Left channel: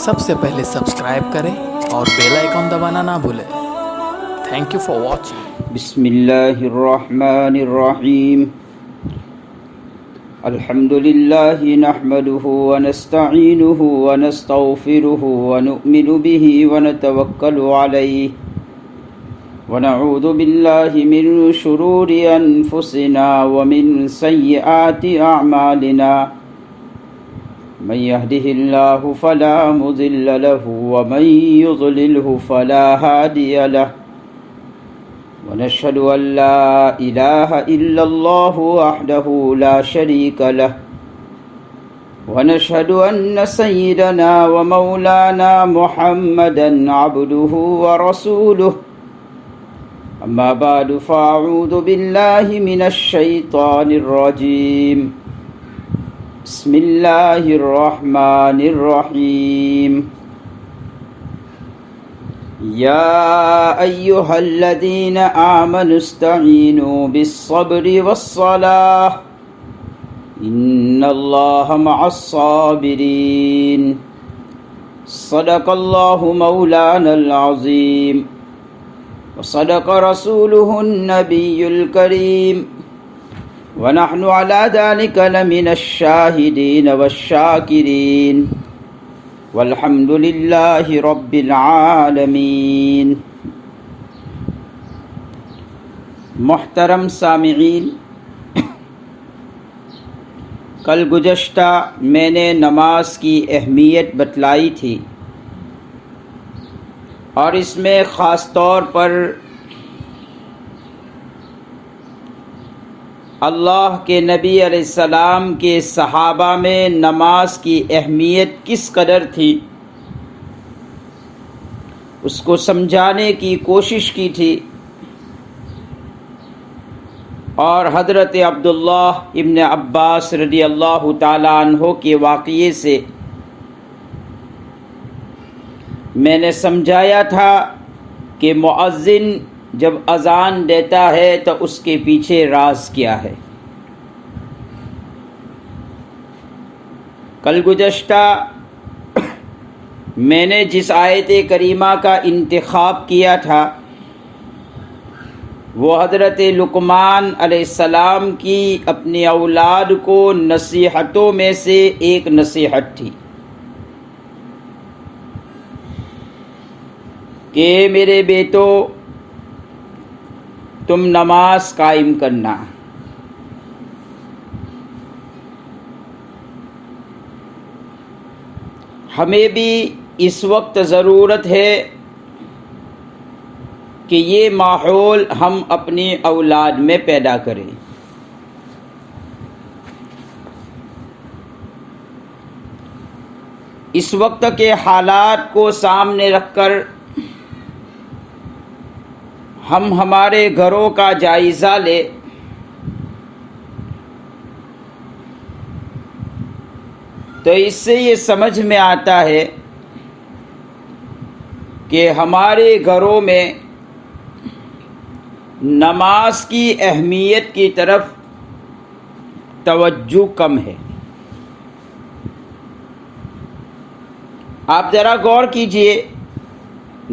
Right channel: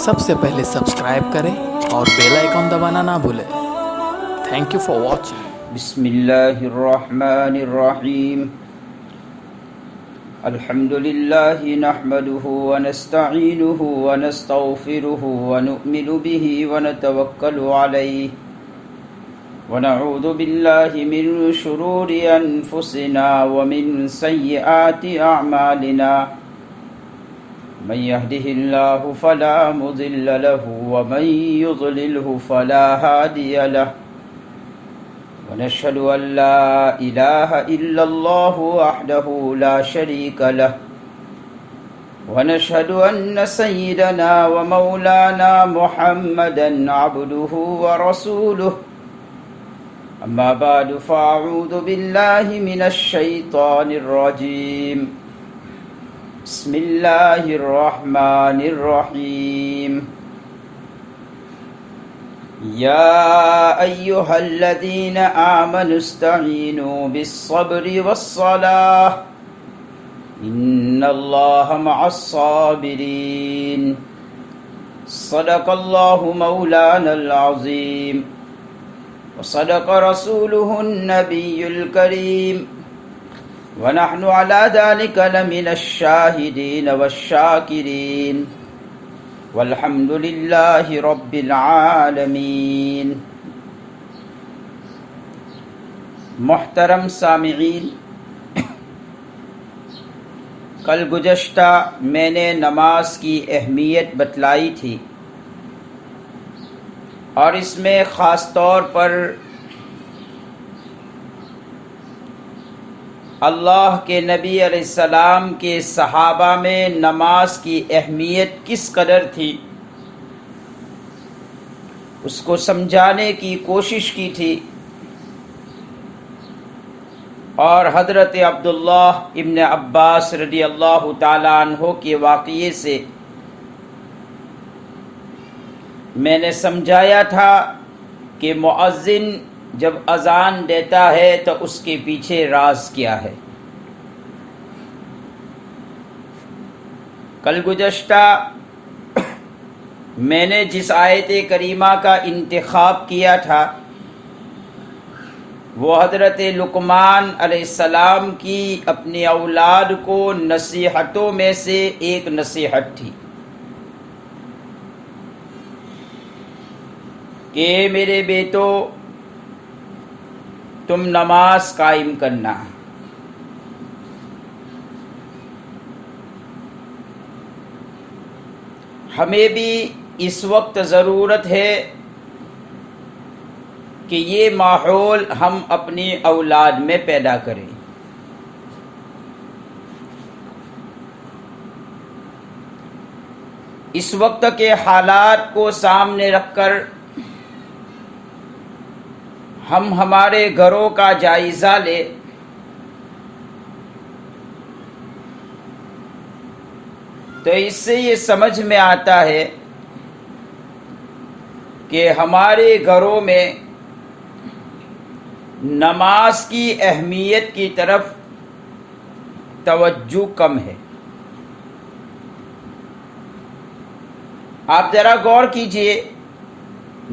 سب سے پہلے سبسکرائب کریں اور بیل آئیکن دبانا نہ بھولیں۔ Thank you for watching. بسم اللہ الرحمن الرحیم۔ الحمد للہ نحمده ونستعینه ونستغفره ونؤمن به ونتوکل علیہ ونعوذ باللہ من شرور انفسنا ومن سیئات اعمالنا، من يهده الله فلا مضل له ومن يضلله فلا هادي له، ونشهد أن لا إله إلا الله وحده لا شريك له، ونشهد أن سيدنا ومولانا محمدا عبده ورسوله، أما بعد فأعوذ بالله من الشيطان الرجيم، بسم اللہ الرحمن الرحیم۔ یا ایہا الذین آمنوا استعینوا بالصبر والصلاة ان اللہ مع الصابرین۔ صدق اللہ مولانا العظیم وصدق رسولہ النبی الکریم، ونحن على ذلك لمن الشاهدين والشاكرين، والحمد لله رب العالمين۔ محترم سامعین، کل گزشتہ میں نے نماز کی اہمیت بتلائی تھی، اور اس میں خاص طور پر اللہ کے نبی علیہ السلام کے صحابہ میں نماز کی اہمیت کس قدر تھی اس کو سمجھانے کی کوشش کی تھی، اور حضرت عبداللہ ابن عباس رضی اللہ تعالیٰ عنہ کے واقعے سے میں نے سمجھایا تھا کہ مؤذن جب اذان دیتا ہے تو اس کے پیچھے راز کیا ہے۔ کل گزشتہ میں نے جس آیت کریمہ کا انتخاب کیا تھا وہ حضرت لقمان علیہ السلام کی اپنی اولاد کو نصیحتوں میں سے ایک نصیحت تھی کہ میرے بیٹو تم نماز قائم کرنا۔ ہمیں بھی اس وقت ضرورت ہے کہ یہ ماحول ہم اپنی اولاد میں پیدا کریں۔ اس وقت کے حالات کو سامنے رکھ کر ہم ہمارے گھروں کا جائزہ لیں تو اس سے یہ سمجھ میں آتا ہے کہ ہمارے گھروں میں نماز کی اہمیت کی طرف توجہ کم ہے۔ آپ ذرا غور کیجئے،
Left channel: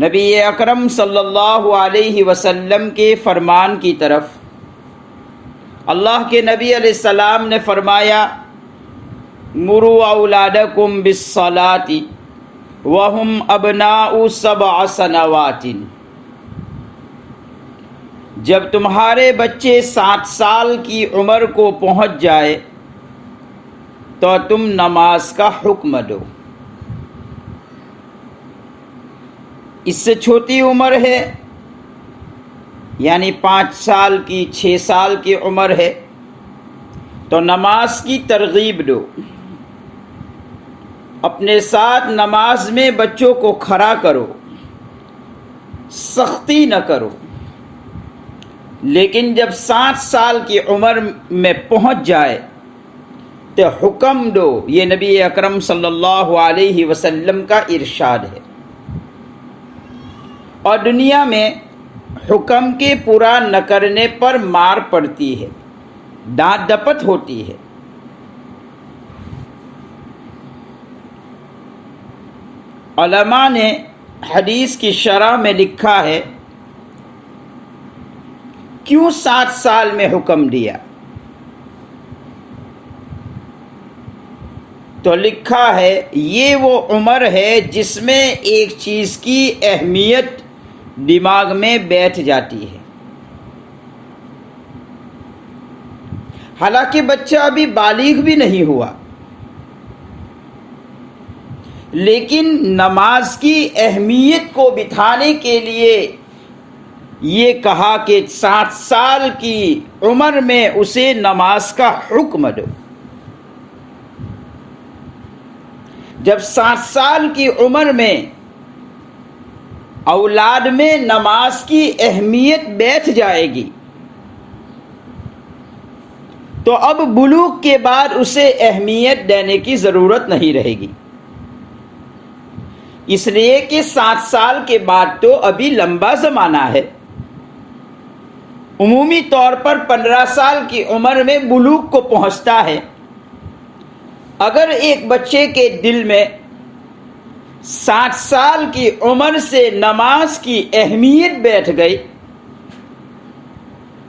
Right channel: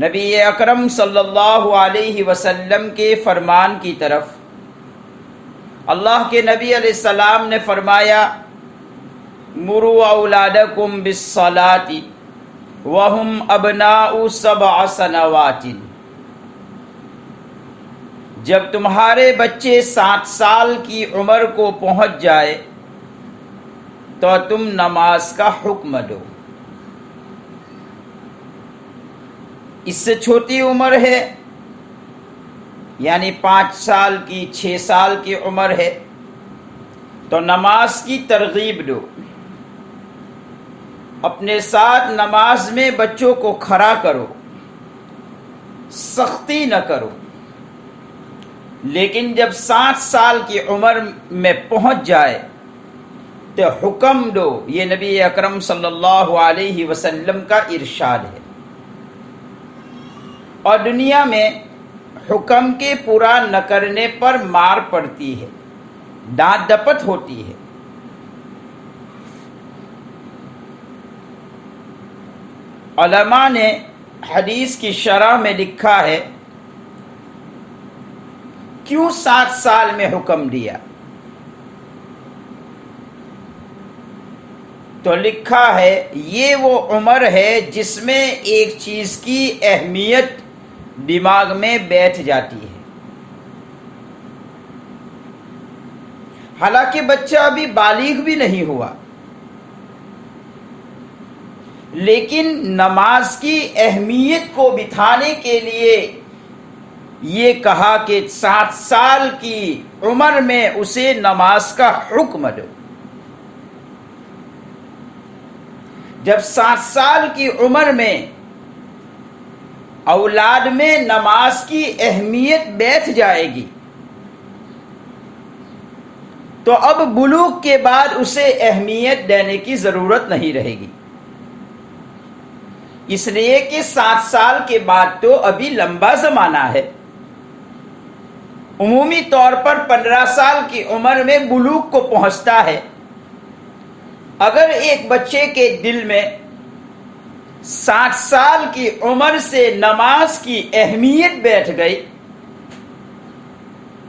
نبی اکرم صلی اللہ علیہ وسلم کے فرمان کی طرف اللہ کے نبی علیہ السلام نے فرمایا، مروا اولادکم بالصلاۃ وہم ابناء 7 سنوات۔ جب تمہارے بچے 7 سال کی عمر کو پہنچ جائے تو تم نماز کا حکم دو۔ اس سے چھوٹی عمر ہے، یعنی 5 سال کی 6 سال کی عمر ہے تو نماز کی ترغیب دو، اپنے ساتھ نماز میں بچوں کو کھڑا کرو، سختی نہ کرو۔ لیکن جب 7 سال کی عمر میں پہنچ جائے تو حکم دو۔ یہ نبی اکرم صلی اللہ علیہ وسلم کا ارشاد ہے، اور دنیا میں حکم کے پورا نہ کرنے پر مار پڑتی ہے، ڈانٹ ڈپٹ ہوتی ہے۔ علماء نے حدیث کی شرح میں لکھا ہے کیوں 7 سال میں حکم دیا؟ تو لکھا ہے یہ وہ عمر ہے جس میں ایک چیز کی اہمیت دماغ میں بیٹھ جاتی ہے۔ حالانکہ بچہ ابھی بالغ بھی نہیں ہوا، لیکن نماز کی اہمیت کو بتانے کے لیے یہ کہا کہ 7 سال کی عمر میں اسے نماز کا حکم دو۔ جب 7 سال کی عمر میں اولاد میں نماز کی اہمیت بیٹھ جائے گی تو اب بلوغ کے بعد اسے اہمیت دینے کی ضرورت نہیں رہے گی، اس لیے کہ 7 سال کے بعد تو ابھی لمبا زمانہ ہے۔ عمومی طور پر 15 سال کی عمر میں بلوغ کو پہنچتا ہے۔ اگر ایک بچے کے دل میں 7 سال کی عمر سے نماز کی اہمیت بیٹھ گئی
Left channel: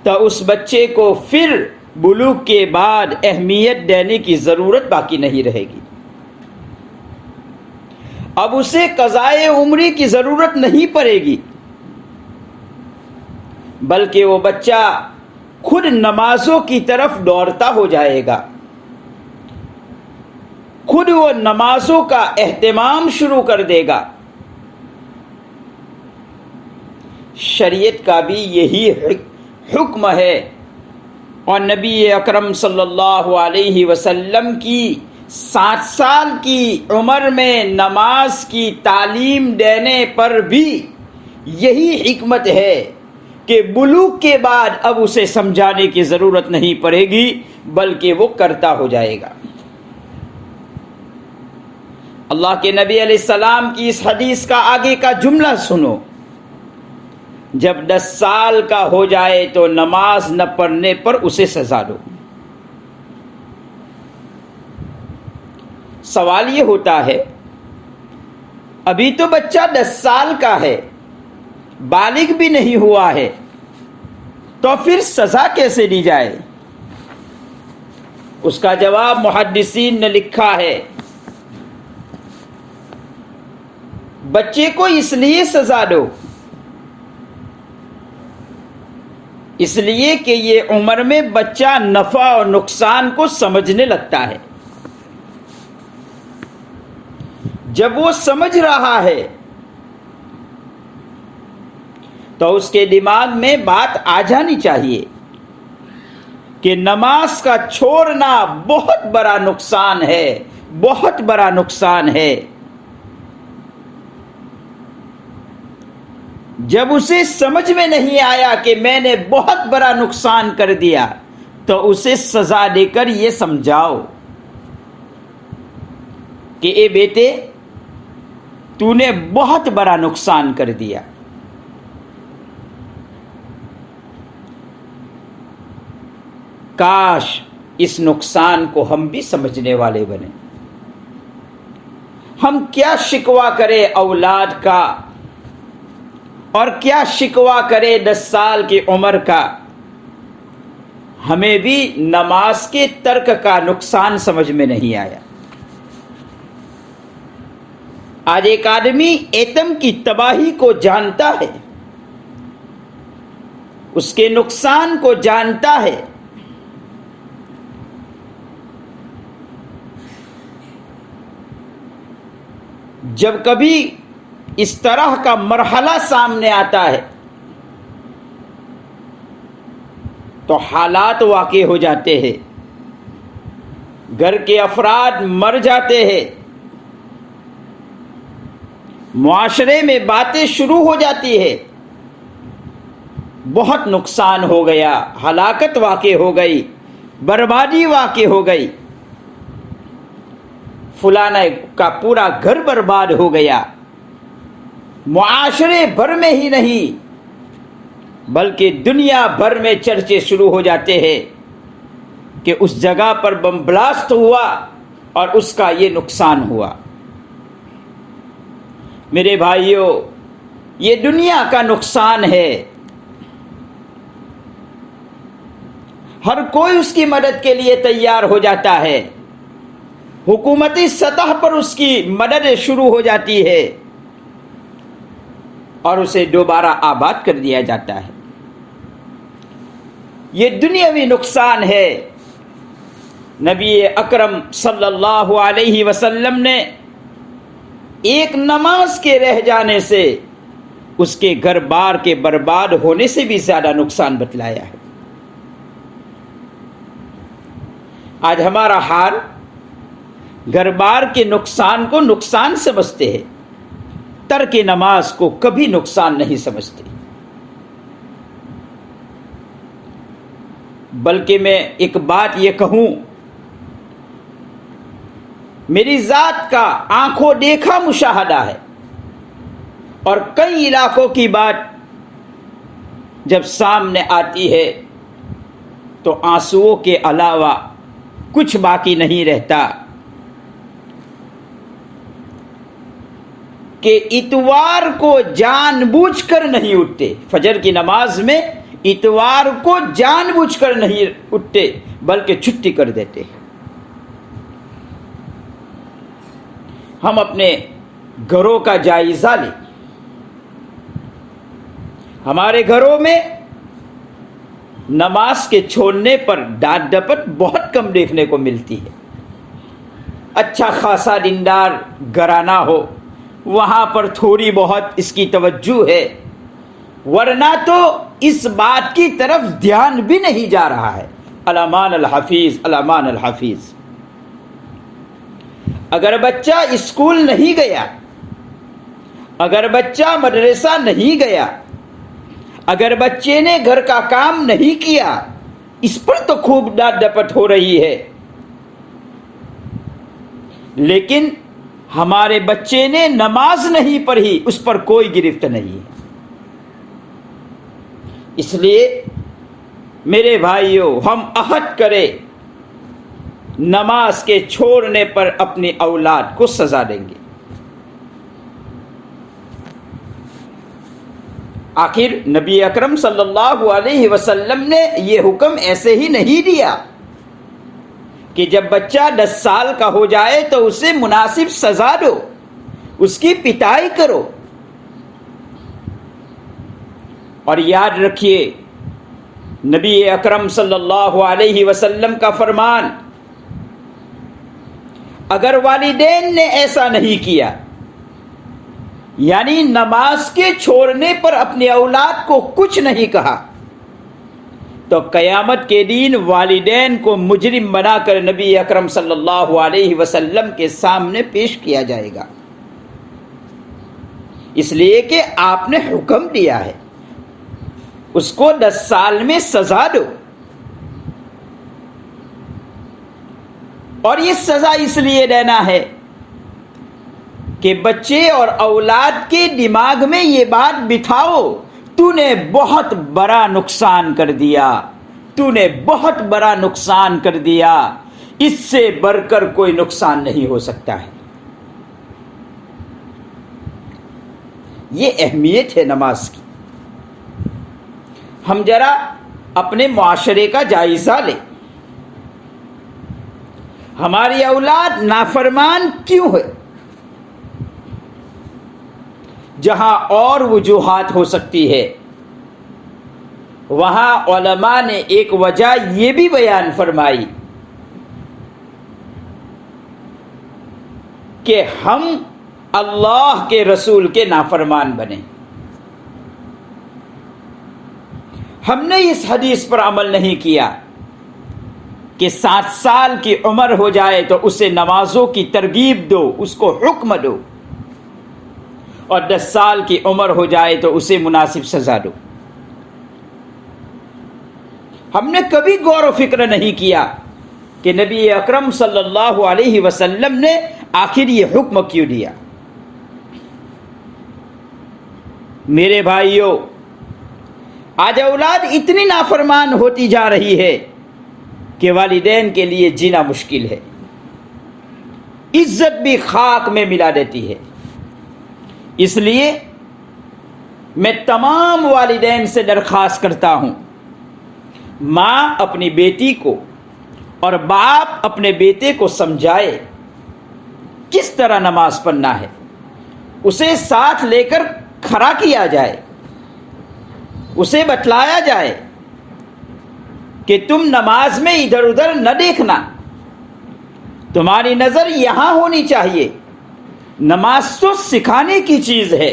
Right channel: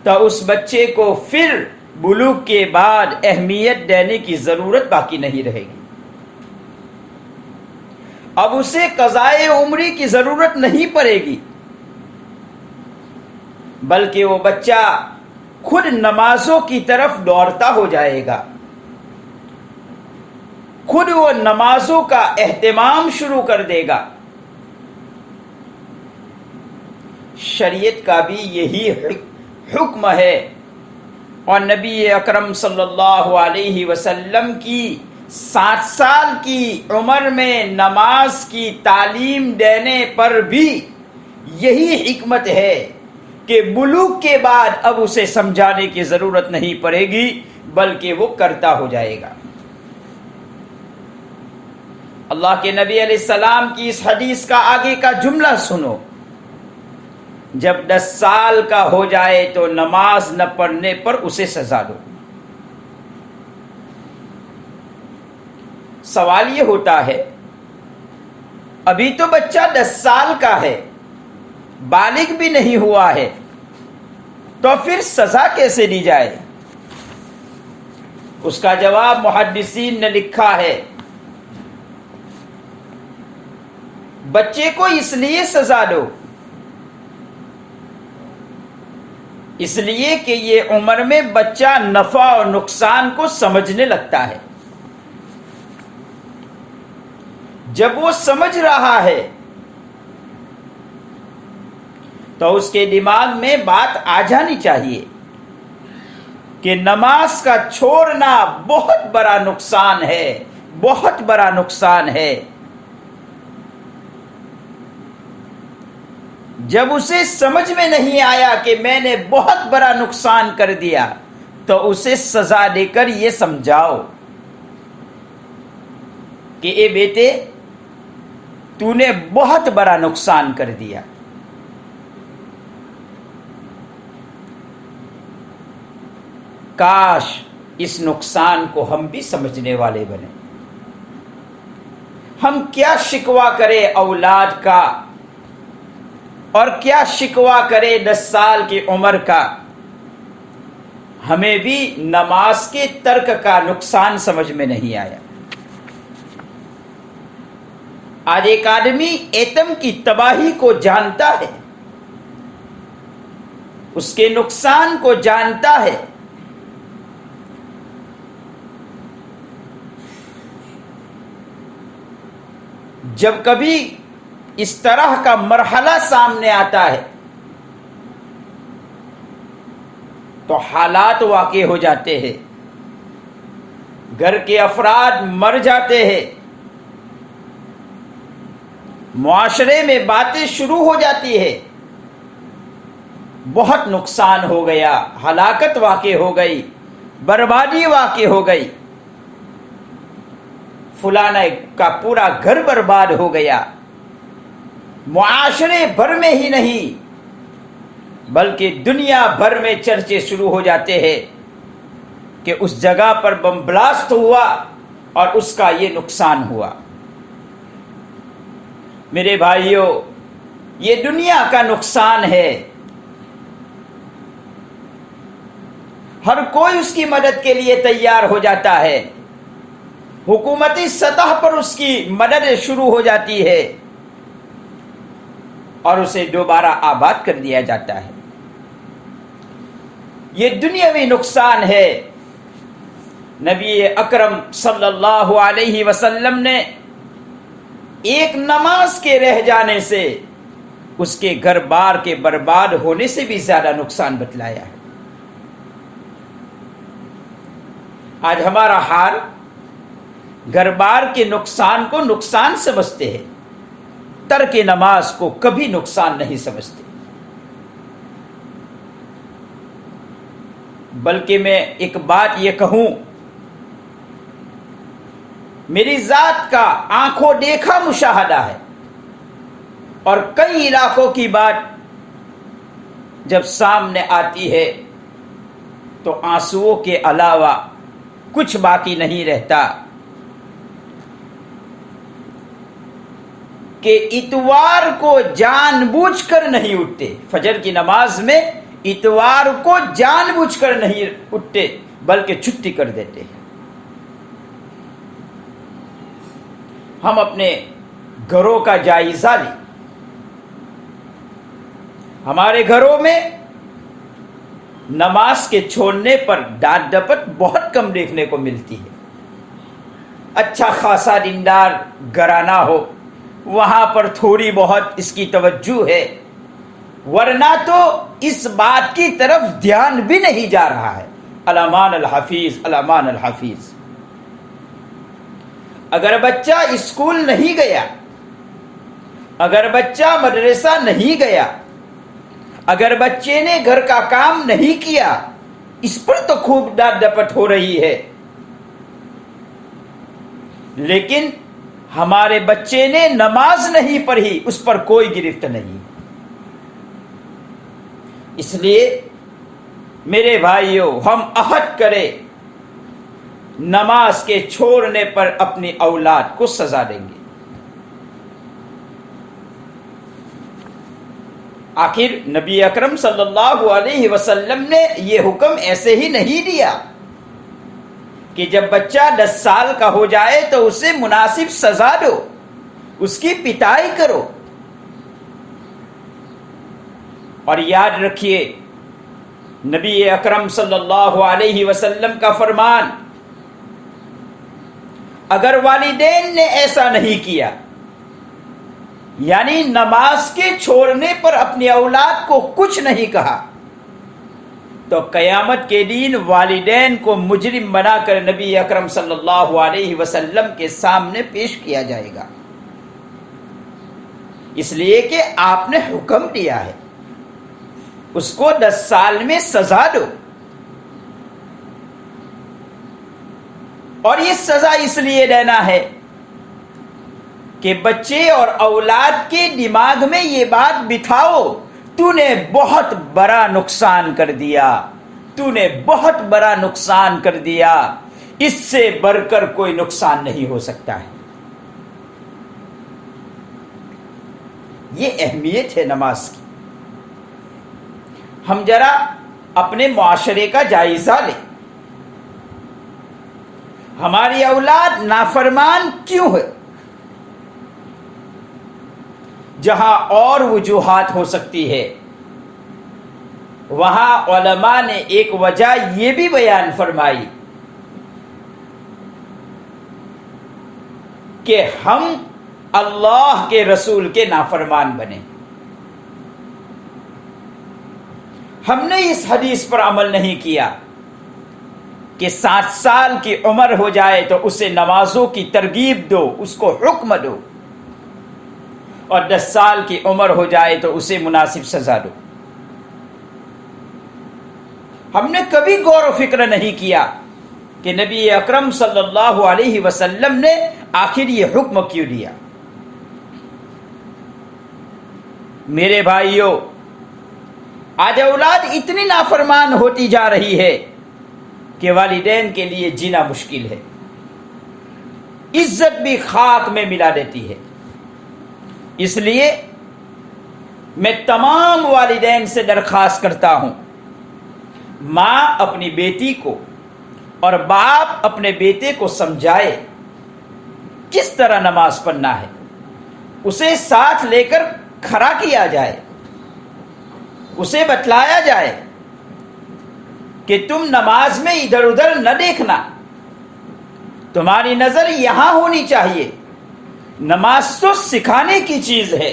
تو اس بچے کو پھر بلوغ کے بعد اہمیت دینے کی ضرورت باقی نہیں رہے گی۔ اب اسے قضائے عمری کی ضرورت نہیں پڑے گی، بلکہ وہ بچہ خود نمازوں کی طرف دوڑتا ہو جائے گا، خود وہ نمازوں کا اہتمام شروع کر دے گا۔ شریعت کا بھی یہی حکم ہے، اور نبی اکرم صلی اللہ علیہ وسلم کی 7 سال کی عمر میں نماز کی تعلیم دینے پر بھی یہی حکمت ہے کہ بلوغ کے بعد اب اسے سمجھانے کی ضرورت نہیں پڑے گی، بلکہ وہ کرتا ہو جائے گا۔ اللہ کے نبی علیہ السلام کی اس حدیث کا آگے کا جملہ سنو، جب 10 سال کا ہو جائے تو نماز نہ پڑھنے پر اسے سزا دو۔ سوال یہ ہوتا ہے ابھی تو بچہ 10 سال کا ہے، بالغ بھی نہیں ہوا ہے، تو پھر سزا کیسے دی جائے؟ اس کا جواب محدثین نے لکھا ہے بچے کو اس لیے سزا دو اس لیے کہ یہ عمر میں بچہ نفع اور نقصان کو سمجھنے لگتا ہے۔ جب وہ سمجھ رہا ہے تو اس کے دماغ میں بات آ جانی چاہیے کہ نماز کا چھوڑنا بہت بڑا نقصان ہے، بہت بڑا نقصان ہے۔ جب اسے سمجھ میں نہیں آیا کہ میں نے بہت بڑا نقصان کر دیا تو اسے سزا دے کر یہ سمجھاؤ کہ اے بیٹے تو نے بہت بڑا نقصان کر دیا۔ کاش اس نقصان کو ہم بھی سمجھنے والے بنے۔ ہم کیا شکوہ کرے اولاد کا اور کیا شکوہ کرے 10 سال کی عمر کا، ہمیں بھی نماز کے ترک کا نقصان سمجھ میں نہیں آیا۔ آج ایک آدمی ایٹم کی تباہی کو جانتا ہے، اس کے نقصان کو جانتا ہے، جب کبھی اس طرح کا مرحلہ سامنے آتا ہے تو حالات واقع ہو جاتے ہیں، گھر کے افراد مر جاتے ہیں، معاشرے میں باتیں شروع ہو جاتی ہے، بہت نقصان ہو گیا، ہلاکت واقع ہو گئی، بربادی واقع ہو گئی، فلانا کا پورا گھر برباد ہو گیا۔ معاشرے بھر میں ہی نہیں بلکہ دنیا بھر میں چرچے شروع ہو جاتے ہیں کہ اس جگہ پر بم بلاسٹ ہوا اور اس کا یہ نقصان ہوا۔ میرے بھائیوں، یہ دنیا کا نقصان ہے. ہر کوئی اس کی مدد کے لیے تیار ہو جاتا ہے. حکومتی سطح پر اس کی مدد شروع ہو جاتی ہے اور اسے دوبارہ آباد کر دیا جاتا ہے. یہ دنیاوی نقصان ہے. نبی اکرم صلی اللہ علیہ وسلم نے ایک نماز کے رہ جانے سے اس کے گھر بار کے برباد ہونے سے بھی زیادہ نقصان بتلایا ہے. آج ہمارا حال گھر بار کے نقصان کو نقصان سمجھتے ہیں، ترک نماز کو کبھی نقصان نہیں سمجھتے. بلکہ میں ایک بات یہ کہوں، میری ذات کا آنکھوں دیکھا مشاہدہ ہے، اور کئی علاقوں کی بات جب سامنے آتی ہے تو آنسوؤں کے علاوہ کچھ باقی نہیں رہتا کہ اتوار کو جان بوجھ کر نہیں اٹھتے. فجر کی نماز میں اتوار کو جان بوجھ کر نہیں اٹھتے بلکہ چھٹی کر دیتے. ہم اپنے گھروں کا جائزہ لیں. ہمارے گھروں میں نماز کے چھوڑنے پر ڈانٹ ڈپٹ بہت کم دیکھنے کو ملتی ہے. اچھا خاصا دیندار گھرانہ ہو وہاں پر تھوڑی بہت اس کی توجہ ہے، ورنہ تو اس بات کی طرف دھیان بھی نہیں جا رہا ہے. الامان الحفیظ، الامان الحفیظ. اگر بچہ اسکول نہیں گیا، اگر بچہ مدرسہ نہیں گیا، اگر بچے نے گھر کا کام نہیں کیا، اس پر تو خوب ڈانٹ ڈپٹ ہو رہی ہے. لیکن ہمارے بچے نے نماز نہیں پڑھی، اس پر کوئی گرفت نہیں ہے. اس لیے میرے بھائیوں، ہم عہد کریں نماز کے چھوڑنے پر اپنی اولاد کو سزا دیں گے. آخر نبی اکرم صلی اللہ علیہ وسلم نے یہ حکم ایسے ہی نہیں دیا کہ جب بچہ 10 سال کا ہو جائے تو اسے مناسب سزا دو، اس کی پٹائی کرو. اور یاد رکھیے نبی اکرم صلی اللہ علیہ وسلم کا فرمان، اگر والدین نے ایسا نہیں کیا، یعنی نماز کے چھوڑنے پر اپنی اولاد کو کچھ نہیں کہا، تو قیامت کے دن والدین کو مجرم بنا کر نبی اکرم صلی اللہ علیہ وسلم کے سامنے پیش کیا جائے گا. اس لیے کہ آپ نے حکم دیا ہے اس کو 10 سال میں سزا دو. اور یہ سزا اس لیے دینا ہے کہ بچے اور اولاد کے دماغ میں یہ بات بٹھاؤ، تو نے بہت بڑا نقصان کر دیا، تو نے بہت بڑا نقصان کر دیا، اس سے بڑھ کر کوئی نقصان نہیں ہو سکتا ہے. یہ اہمیت ہے نماز کی. ہم ذرا اپنے معاشرے کا جائزہ لیں. ہماری اولاد نافرمان کیوں ہے؟ جہاں اور وجوہات ہو سکتی ہے، وہاں علماء نے ایک وجہ یہ بھی بیان فرمائی کہ ہم اللہ کے رسول کے نافرمان بنے. ہم نے اس حدیث پر عمل نہیں کیا کہ 7 سال کی عمر ہو جائے تو اسے نمازوں کی ترغیب دو، اس کو حکم دو، اور 10 سال کی عمر ہو جائے تو اسے مناسب سزا دو. ہم نے کبھی غور و فکر نہیں کیا کہ نبی اکرم صلی اللہ علیہ وسلم نے آخر یہ حکم کیوں دیا. میرے بھائیوں، آج اولاد اتنی نافرمان ہوتی جا رہی ہے کہ والدین کے لیے جینا مشکل ہے. عزت بھی خاک میں ملا دیتی ہے. اس لیے میں تمام والدین سے درخواست کرتا ہوں، ماں اپنی بیٹی کو اور باپ اپنے بیٹے کو سمجھائے کس طرح نماز پڑھنا ہے، اسے ساتھ لے کر کھڑا کیا جائے، اسے بتلایا جائے کہ تم نماز میں ادھر ادھر نہ دیکھنا، تمہاری نظر یہاں ہونی چاہیے۔ نماز تو سکھانے کی چیز ہے،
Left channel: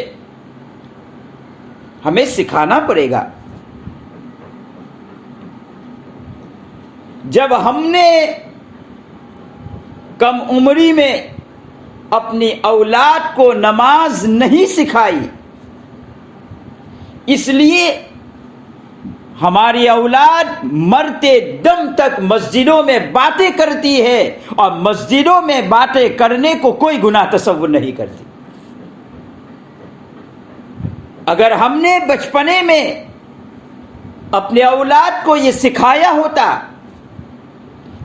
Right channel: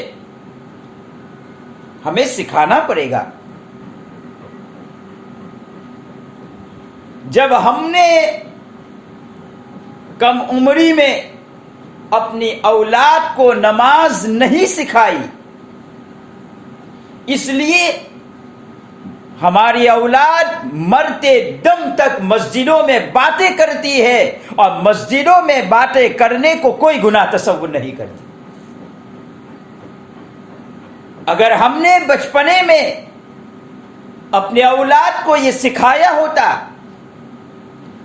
ہمیں سکھانا پڑے گا۔ جب ہم نے کم عمری میں اپنی اولاد کو نماز نہیں سکھائی، اس لیے ہماری اولاد مرتے دم تک مسجدوں میں باتیں کرتی ہے، اور مسجدوں میں باتیں کرنے کو کوئی گناہ تصور نہیں کرتی۔ اگر ہم نے بچپنے میں اپنے اولاد کو یہ سکھایا ہوتا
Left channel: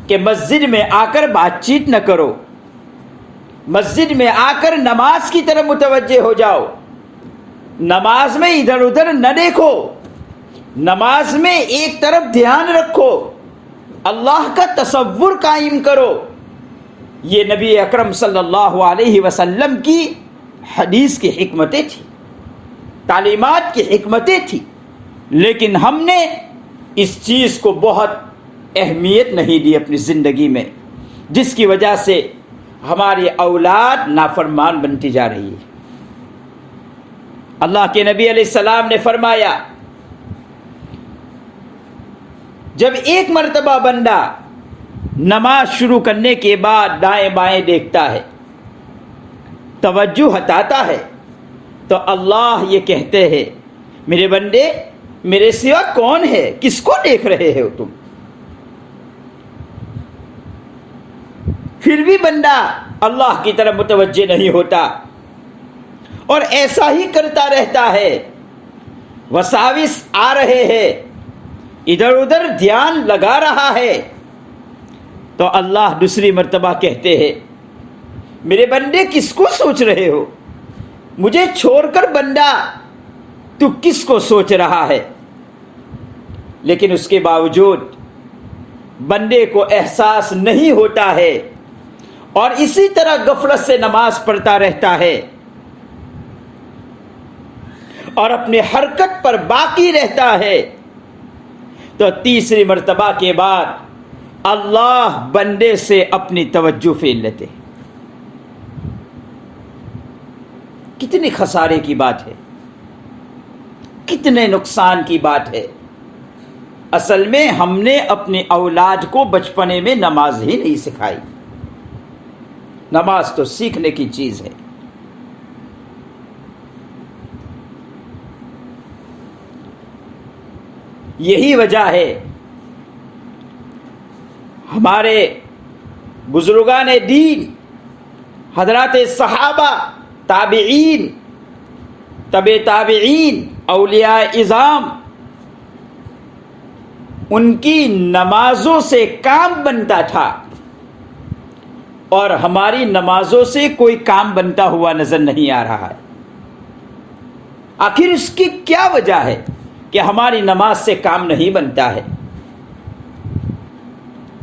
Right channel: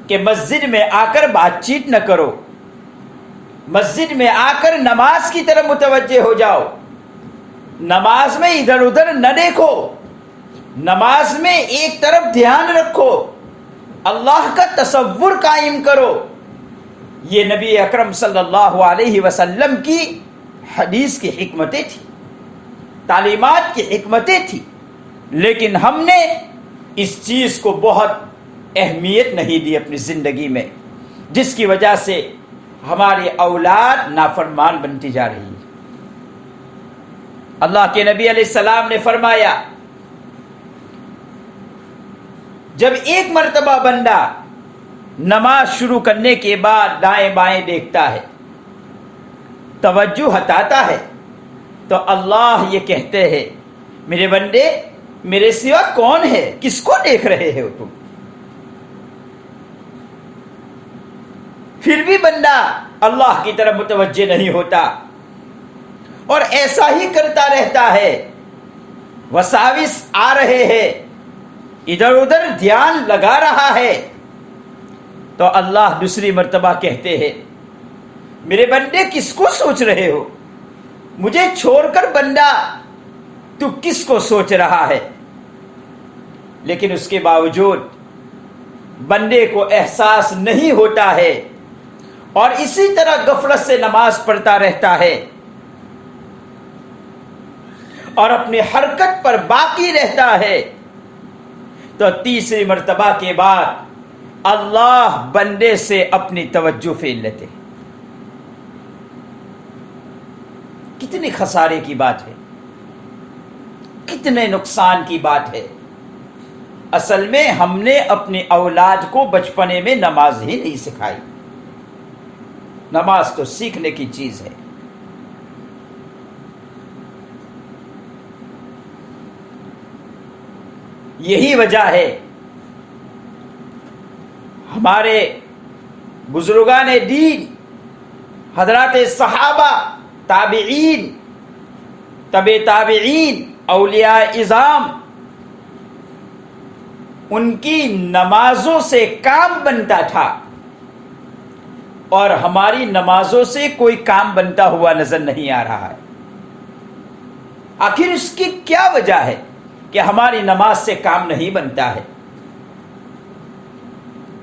کہ مسجد میں آ کر بات چیت نہ کرو، مسجد میں آ کر نماز کی طرف متوجہ ہو جاؤ، نماز میں ادھر ادھر نہ دیکھو، نماز میں ایک طرف دھیان رکھو، اللہ کا تصور قائم کرو، یہ نبی اکرم صلی اللہ علیہ وسلم کی حدیث کی حکمتیں تھیں، تعلیمات کی حکمتیں تھیں، لیکن ہم نے اس چیز کو بہت اہمیت نہیں دی اپنی زندگی میں، جس کی وجہ سے ہماری اولاد نافرمان بنتی جا رہی ہے۔ اللہ کے نبی علیہ السلام نے فرمایا، جب ایک مرتبہ بندہ نماز شروع کرنے کے بعد دائیں بائیں دیکھتا ہے، توجہ ہٹاتا ہے، تو اللہ یہ کہتے ہیں، میرے بندے میرے سوا کون ہے، کس کو دیکھ رہے ہو تم؟ پھر بھی بندہ اللہ کی طرف متوجہ نہیں ہوتا اور ایسا ہی کرتا رہتا ہے، وساوس آ رہے ہیں، ادھر ادھر دھیان لگا رہا ہے، تو اللہ دوسری مرتبہ کہتے ہیں، میرے بندے کس کو سوچ رہے ہو؟ مجھے چھوڑ کر بندہ تو کس کو سوچ رہا ہے؟ لیکن اس کے باوجود بندے کو احساس نہیں ہوتا ہے اور اسی طرح غفلت سے نماز پڑھتا رہتا ہے اور اپنی حرکت پر باقی رہتا ہے، تو تیسری مرتبہ کے بعد اللہ بندے سے اپنی توجہ پھیر لیتے۔ کتنی خسارے کی بات ہے، کتنے نقصان کی بات ہے۔ اصل میں ہم نے اپنی اولاد کو بچپنے میں نماز ہی نہیں سکھائی۔ نماز تو سیکھنے کی چیز ہے۔ یہی وجہ ہے ہمارے بزرگان دین، حضرات صحابہ، تابعین، تبع تابعین، اولیاء اعظام، ان کی نمازوں سے کام بنتا تھا، اور ہماری نمازوں سے کوئی کام بنتا ہوا نظر نہیں آ رہا ہے۔ آخر اس کی کیا وجہ ہے کہ ہماری نماز سے کام نہیں بنتا ہے؟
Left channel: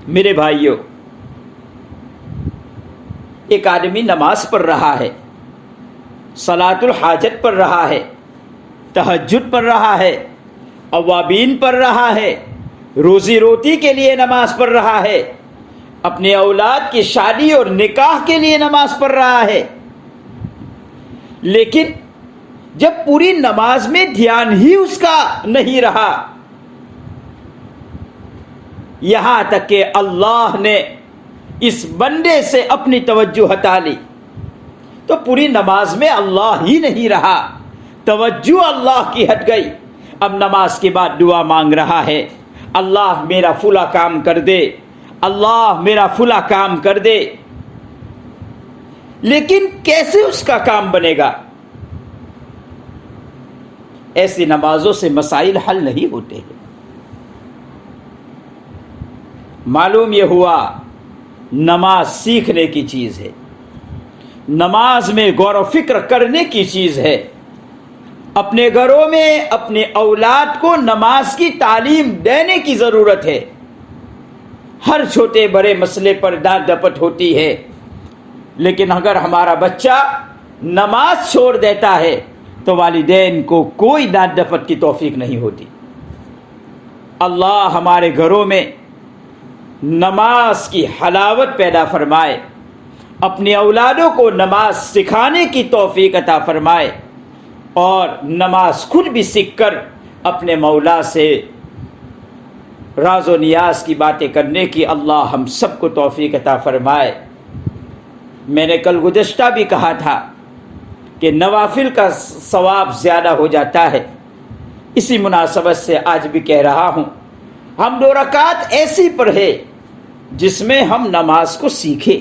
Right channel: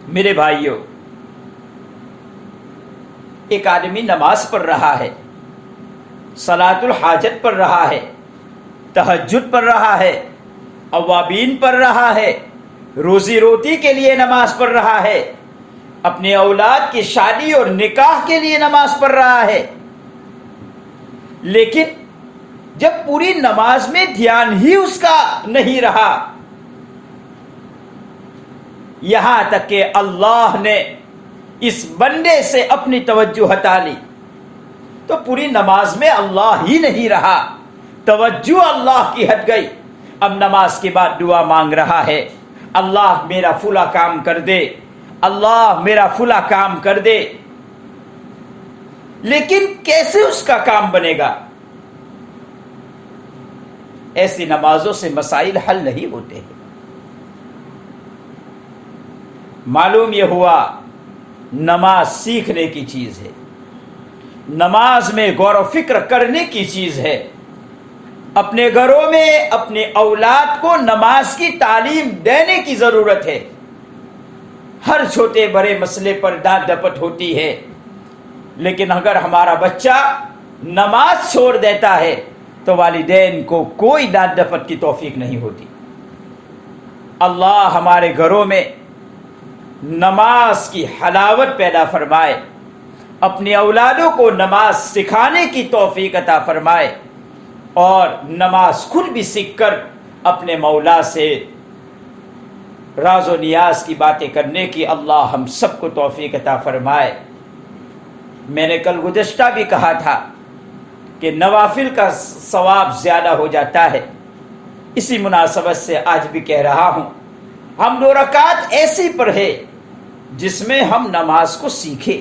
میرے بھائیوں، ایک آدمی نماز پڑھ رہا ہے، صلاۃ الحاجت پڑھ رہا ہے، تہجد پڑھ رہا ہے، اوابین پڑھ رہا ہے، روزی روٹی کے لیے نماز پڑھ رہا ہے، اپنے اولاد کی شادی اور نکاح کے لیے نماز پڑھ رہا ہے، لیکن جب پوری نماز میں دھیان ہی اس کا نہیں رہا، یہاں تک کہ اللہ نے اس بندے سے اپنی توجہ ہٹا لی، تو پوری نماز میں اللہ ہی نہیں رہا، توجہ اللہ کی ہٹ گئی۔ اب نماز کے بعد دعا مانگ رہا ہے، اللہ میرا فلاں کام کر دے، اللہ میرا فلاں کام کر دے، لیکن کیسے اس کا کام بنے گا؟ ایسی نمازوں سے مسائل حل نہیں ہوتے ہیں۔ معلوم یہ ہوا نماز سیکھنے کی چیز ہے، نماز میں غور و فکر کرنے کی چیز ہے۔ اپنے گھروں میں اپنے اولاد کو نماز کی تعلیم دینے کی ضرورت ہے۔ ہر چھوٹے بڑے مسئلے پر ڈانٹ ڈپٹ ہوتی ہے، لیکن اگر ہمارا بچہ نماز چھوڑ دیتا ہے تو والدین کو کوئی ڈانٹ ڈپٹ کی توفیق نہیں ہوتی۔ اللہ ہمارے گھروں میں نماز کی حلاوت پیدا فرمائے، اپنی اولادوں کو نماز سکھانے کی توفیق عطا فرمائے، اور نماز خود بھی سیکھ کر اپنے مولا سے راز و نیاز کی باتیں کرنے کی اللہ ہم سب کو توفیق عطا فرمائے۔ میں نے کل گزشتہ بھی کہا تھا کہ نوافل کا ثواب زیادہ ہو جاتا ہے، اسی مناسبت سے آج بھی کہہ رہا ہوں، ہم 2 رکعت ایسی پڑھے جس میں ہم نماز کو سیکھیں۔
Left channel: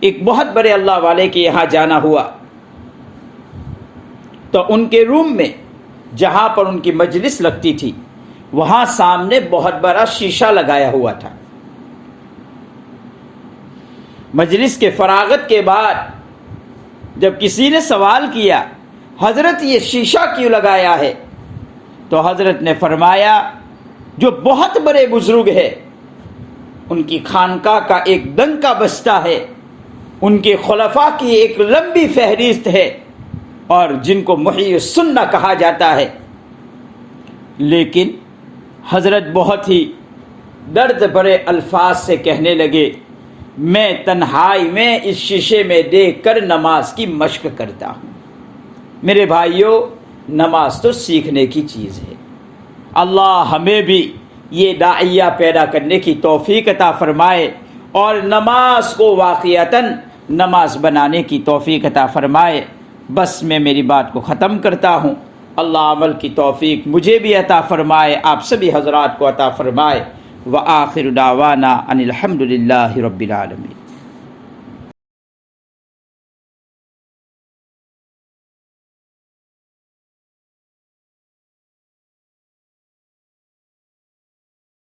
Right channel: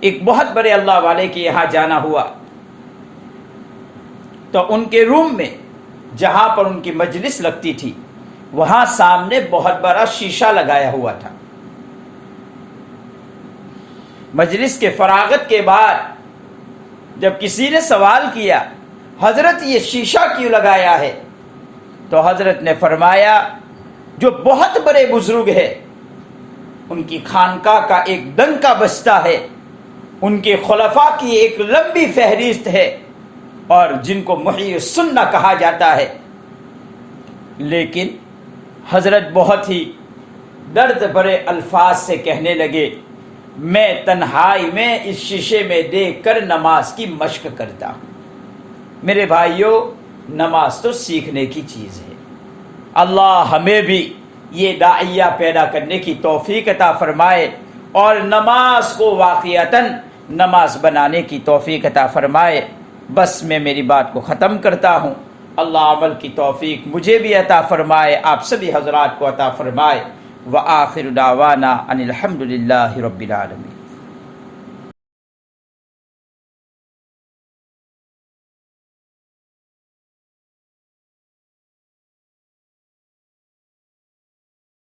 ایک بہت بڑے اللہ والے کے یہاں جانا ہوا تو ان کے روم میں جہاں پر ان کی مجلس لگتی تھی وہاں سامنے بہت بڑا شیشہ لگایا ہوا تھا۔ مجلس کے فراغت کے بعد جب کسی نے سوال کیا، حضرت یہ شیشہ کیوں لگایا ہے؟ تو حضرت نے فرمایا جو بہت بڑے بزرگ ہے ان کی خانقاہ کا ایک ڈنکا بجتا ہے، ان کے خلفاء کی ایک لمبی فہرست ہے، اور جن کو محی السنہ کہا جاتا ہے، لیکن حضرت بہت ہی درد بھرے الفاظ سے کہنے لگے، میں تنہائی میں اس شیشے میں دیکھ کر نماز کی مشق کرتا ہوں۔ میرے بھائیوں، نماز تو سیکھنے کی چیز ہے۔ اللہ ہمیں بھی یہ داعیہ پیدا کرنے کی توفیق عطا فرمائے اور نماز کو واقعتاً نماز بنانے کی توفیق عطا فرمائے۔ بس میں میری بات کو ختم کرتا ہوں۔ اللہ عمل کی توفیق مجھے بھی عطا فرمائے، آپ سبھی حضرات کو عطا فرمائے۔ وآخر دعوانا ان الحمد للہ رب العالمین۔